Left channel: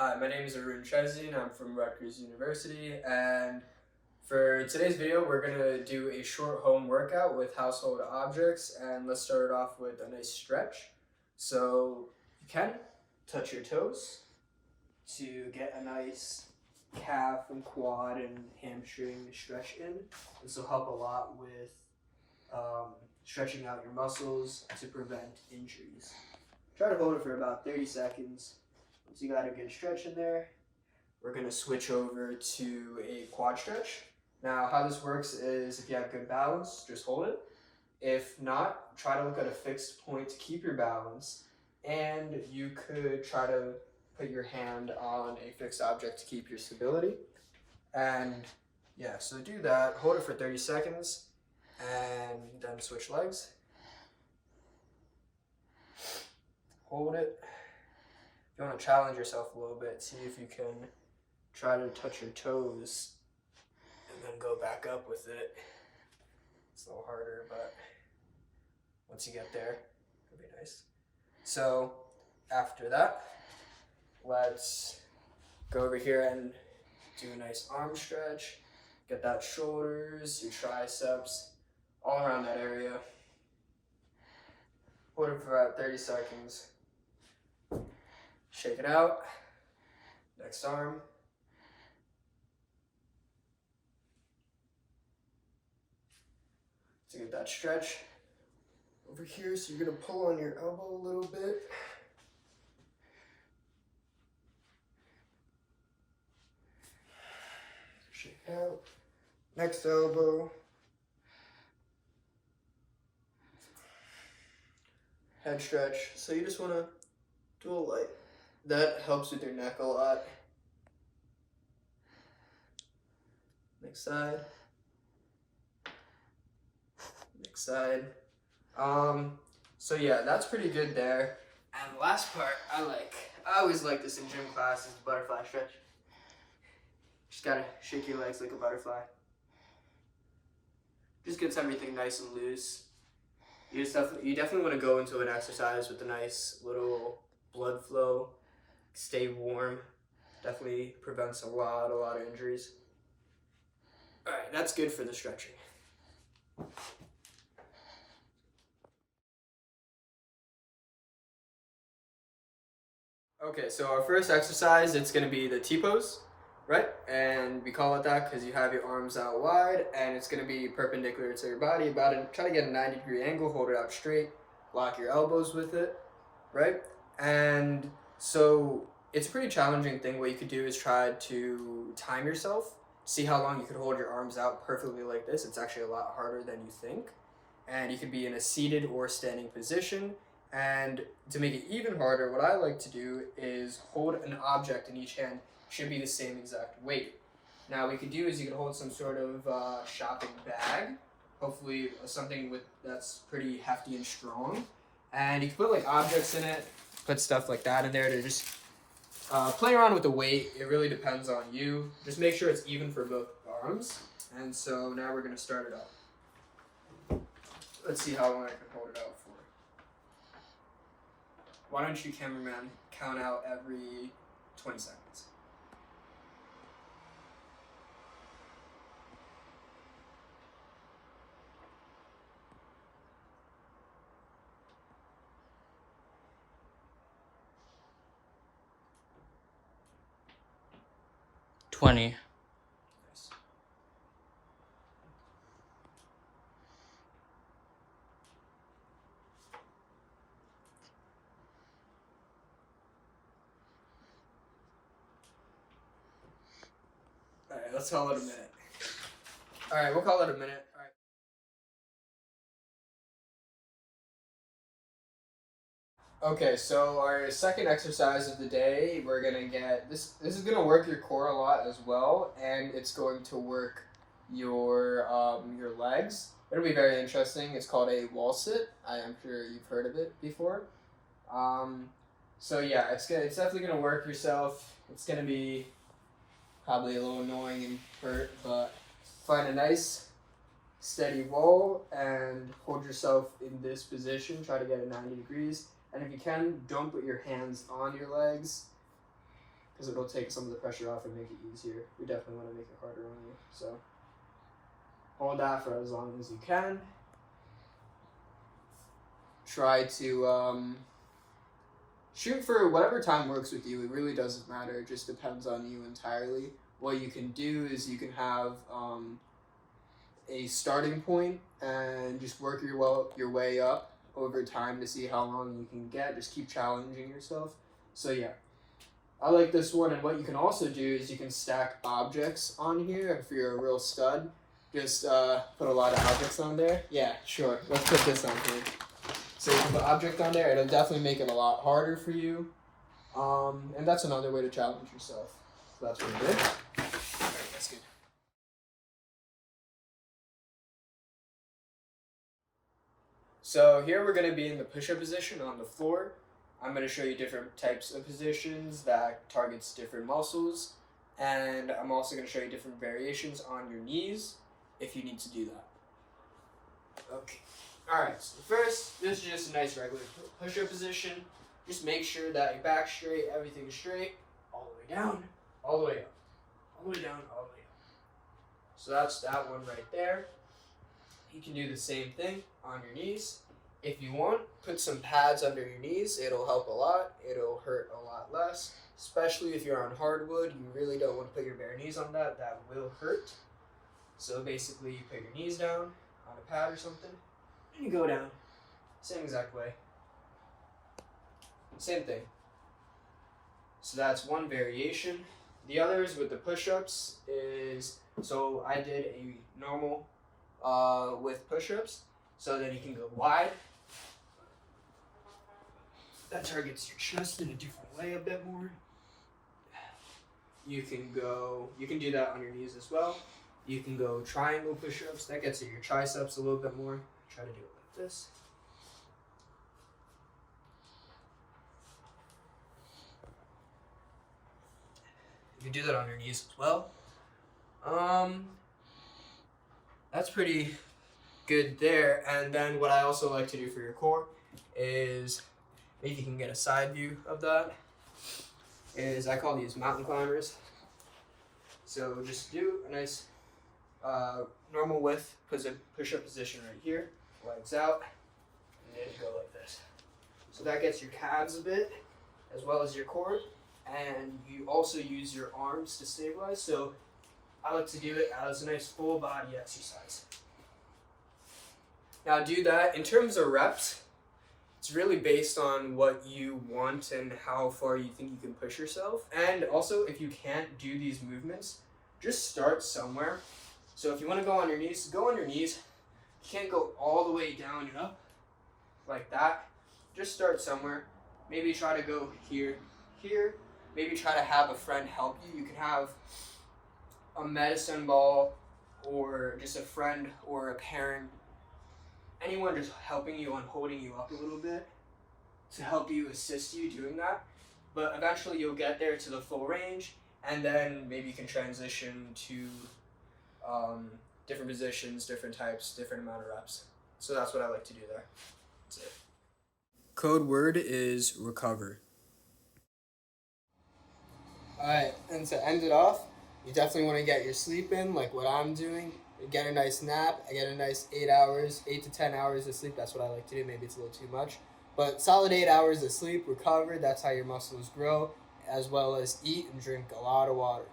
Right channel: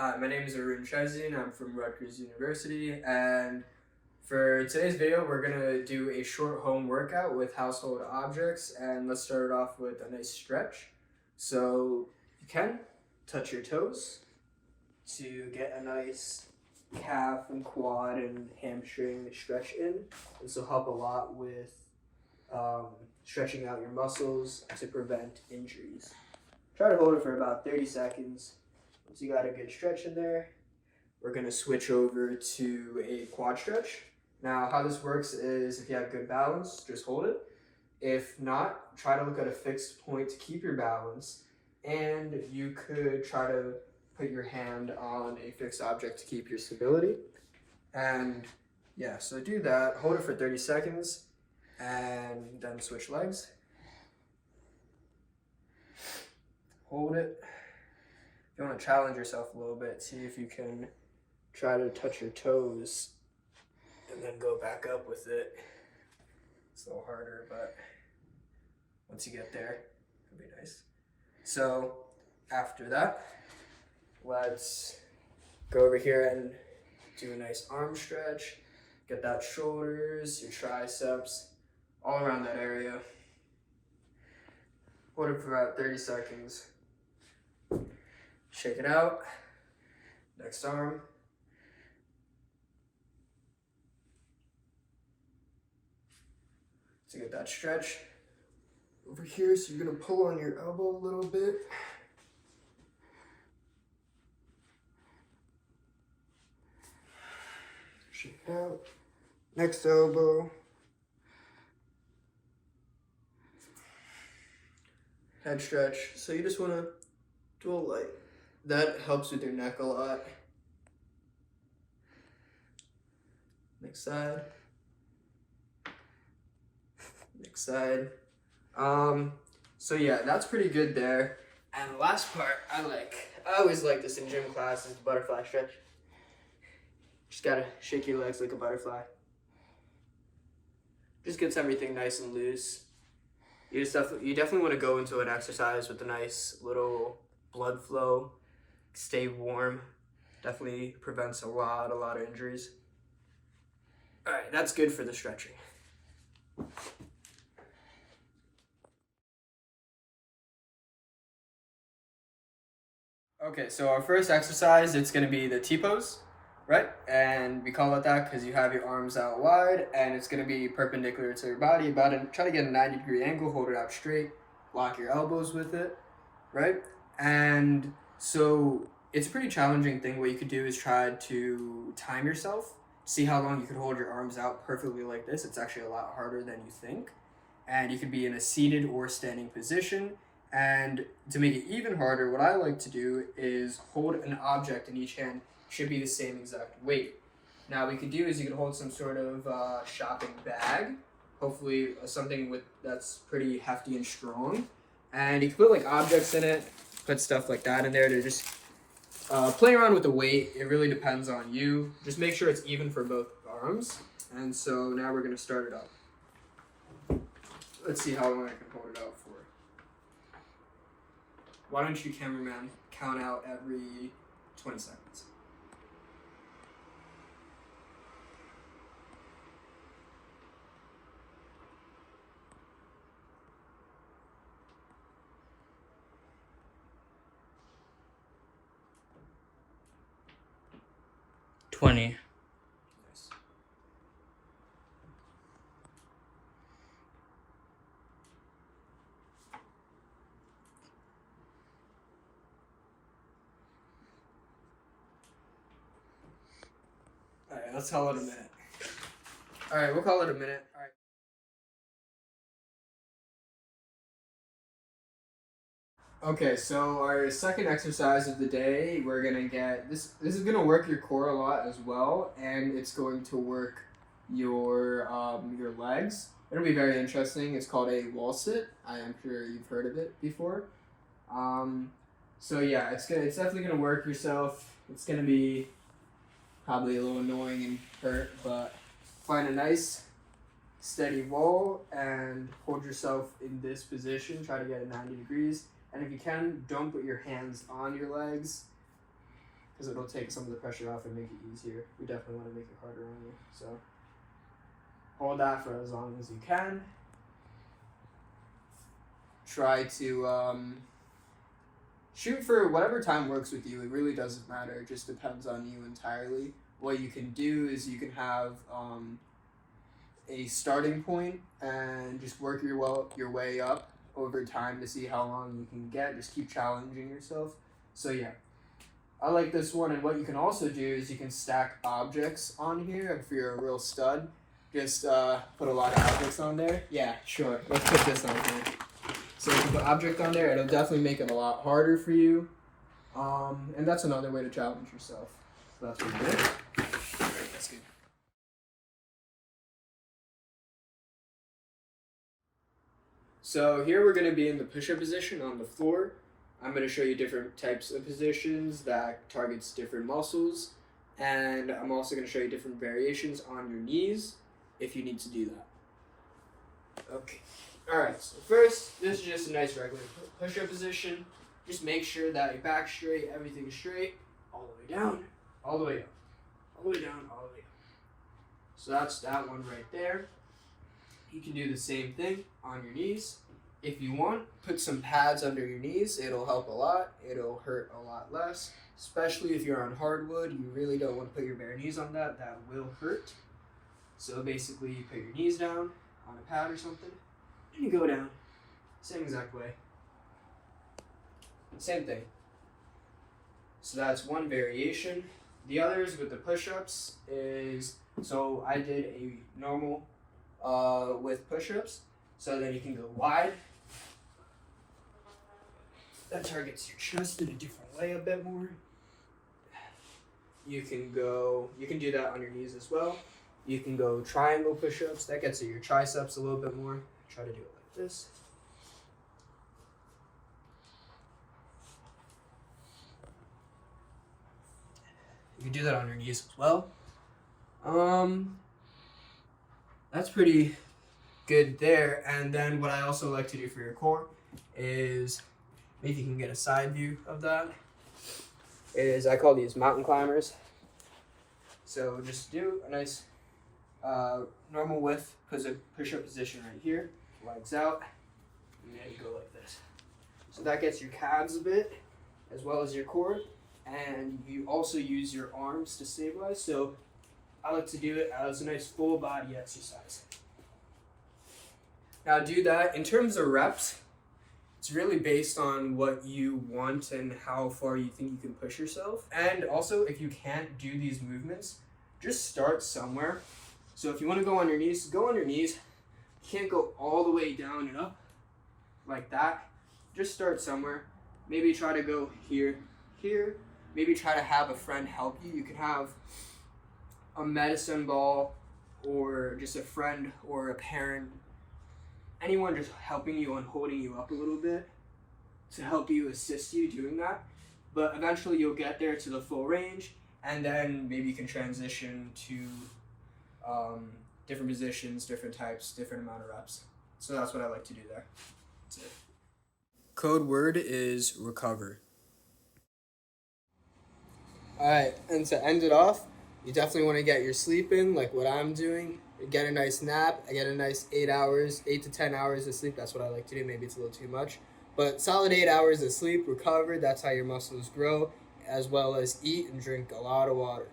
Hi, my name is Arun and I'm from Rutgers University, and for today's video we're going to do a short home workout with household objects, and let's start it off with a nice stretch. So you can touch your toes to get a nice calf and quad and hamstring stretch in. This will help a lot with stretching out your muscles to prevent injuries. Try to hold it for about 30 seconds. Once you got a good stretch in there, we're going to switch over to a quad stretch. Now, how this works is if you have good balance, just hold it. If not, try to look at a fixed point to keep your balance, and you could try to put your hand on a fixed object to keep your stability. And yeah, so do that, hold it for 30 seconds, and then switch legs. Hold it. You want to challenge yourself a little bit, see if you can try to touch your toes and then go back up with it. It's a little harder, but once you get there, it'll be nice. So after that, let's go over here and do a nice arm stretch. Get that shoulders, your triceps, all around that area. Hold it for about 30 seconds. Shake it out. Next arm. To get that stretch over here, so you're gonna pull on your elbow a little bit. Shake it out. Next elbow. Head stretch. So you just wanna do a light. That helps with your neck a lot. Next side. Next side. So yeah, that's pretty good there. And the last part I always like this in gym class, is butterfly stretch. Just gotta shake your legs like a butterfly. Just gets everything nice and loose. You definitely want to go into an exercise with a nice little blood flow. Stay warm. Definitely prevents a lot of injuries. All right, that's good for the stretching. Okay, so our first exercise, it's going to be the T-pose, right? And we call it that because you have your arms out wide, and it's going to be perpendicular to your body. Try to get a 90-degree angle, hold it out straight, lock your elbows with it, right? And so it's a pretty challenging thing. What you could do is try to time yourself, see how long you could hold your arms out perfectly like this. It's actually a lot harder than you think. And you could be in a seated or standing position. And to make it even harder, what I like to do is hold an object in each hand. Should be the same exact weight. Now what you could do is you could hold some sort of shopping bag, hopefully something that's pretty hefty and strong. And you can put like objects in it, put stuff like that in there to just play around with the weight. It really depends on you. Just make sure it's even for both arms. And so now we're going to start it up. Let's see how long I can hold it out for. Why don't you, cameraman, count out every 20 seconds. Nice. All right, let's call it a minute. All right, we'll call it a minute. All right. Okay, so our second exercise of the day, we're gonna get this. This is gonna work your core a lot as well, and it's going to work your legs. It'll be very interesting. It's called a wall sit. I am sure you've heard of it before. So yeah, it's definitely gonna work yourself. It's gonna be probably a little annoying and hurt, but find a nice steady wall and hold yourself in this position. Try to get it 90 degrees. And if you can, don't put your hands on your legs. because it'll take some of the pressure off and make it easier. We definitely want to make it harder on you. So hold that for as long as you can. Try to shoot for whatever time works with you. It really doesn't matter. It just depends on you entirely. What you can do is you can have a starting point and just work your way up over time to see how long you can get. Just keep challenging yourself. So yeah, I like this one. And what you can also do is you can stack objects on here. If you're a real stud, just put a lot of objects on there. Yeah, sure. Let's put this on here. So you can put object on there. It'll definitely make it a lot harder for you. And that's another way to challenge yourself. So that's what we're doing. That's good. So here we're going to be in the push-up position on the floor. I'm going to show you different types of positions that targets different muscles. And I'm also going to show you different variations on your knees if you need to do that. Okay. Alright, so first, this is just a nice regular push-up position. Just make sure that your back's straight, everything's straight, all the way down, all the way up, all the way down, all the way up. So that's that one right there. You can do the same thing on your knees. If you want, put some pads under your knees. It'll help a lot. It'll hurt a lot less, especially if you're on hardwood. You really don't want to put your bare knees on that. That will hurt. So basically, you put your knees down on a pad or something, and you go down. Same exact way. Same thing. So that's one variation. The others with the push-ups is, so I did a normal with push-ups. So then you can go wide. That targets your chest in a different way a bit more. You can do that on your knees as well. You can go triangle push-ups. That gets at your triceps a little bit more. Try to do it like this. You can do that on your knees as well. That's pretty good there. And then what I also like to do for your core is, if you can get a side view of that, is I call these mountain climbers. So just do a nice normal width push-up position right here, legs out, and then you go like this. So that gets your calves a bit, as well as your core, and you also use your arms to stabilize. So I like to do it as a nice full body exercise. Now do that. In terms of reps, it's really based on what you want and how far you think you can push yourself. And also, if you can't do these movements, just start somewhere. So if you want to go on your knees, go on your knees. You can't go all the way down and up like that. Just start somewhere. Maybe try to go here. Maybe try to have a friend help you. You can have a medicine ball or just a friend or a parent, anyone just helping you and holding you up a little bit to help you, assist you doing that. But eventually you'll get there to the full range, and then maybe you can transition to different positions, different types, different amount of reps. So that's what I like to do there. That's it. Code word is recover. Alright, and to end it off, you definitely want to get your sleep in, like what I'm doing. Get a nice nap. I get a nice 8 to 10 hours of sleep. That's what I like to do. Maybe it's a little too much. But solid 8 hours of sleep, recover. That's how your muscles grow, as well as eat and drink a lot of water.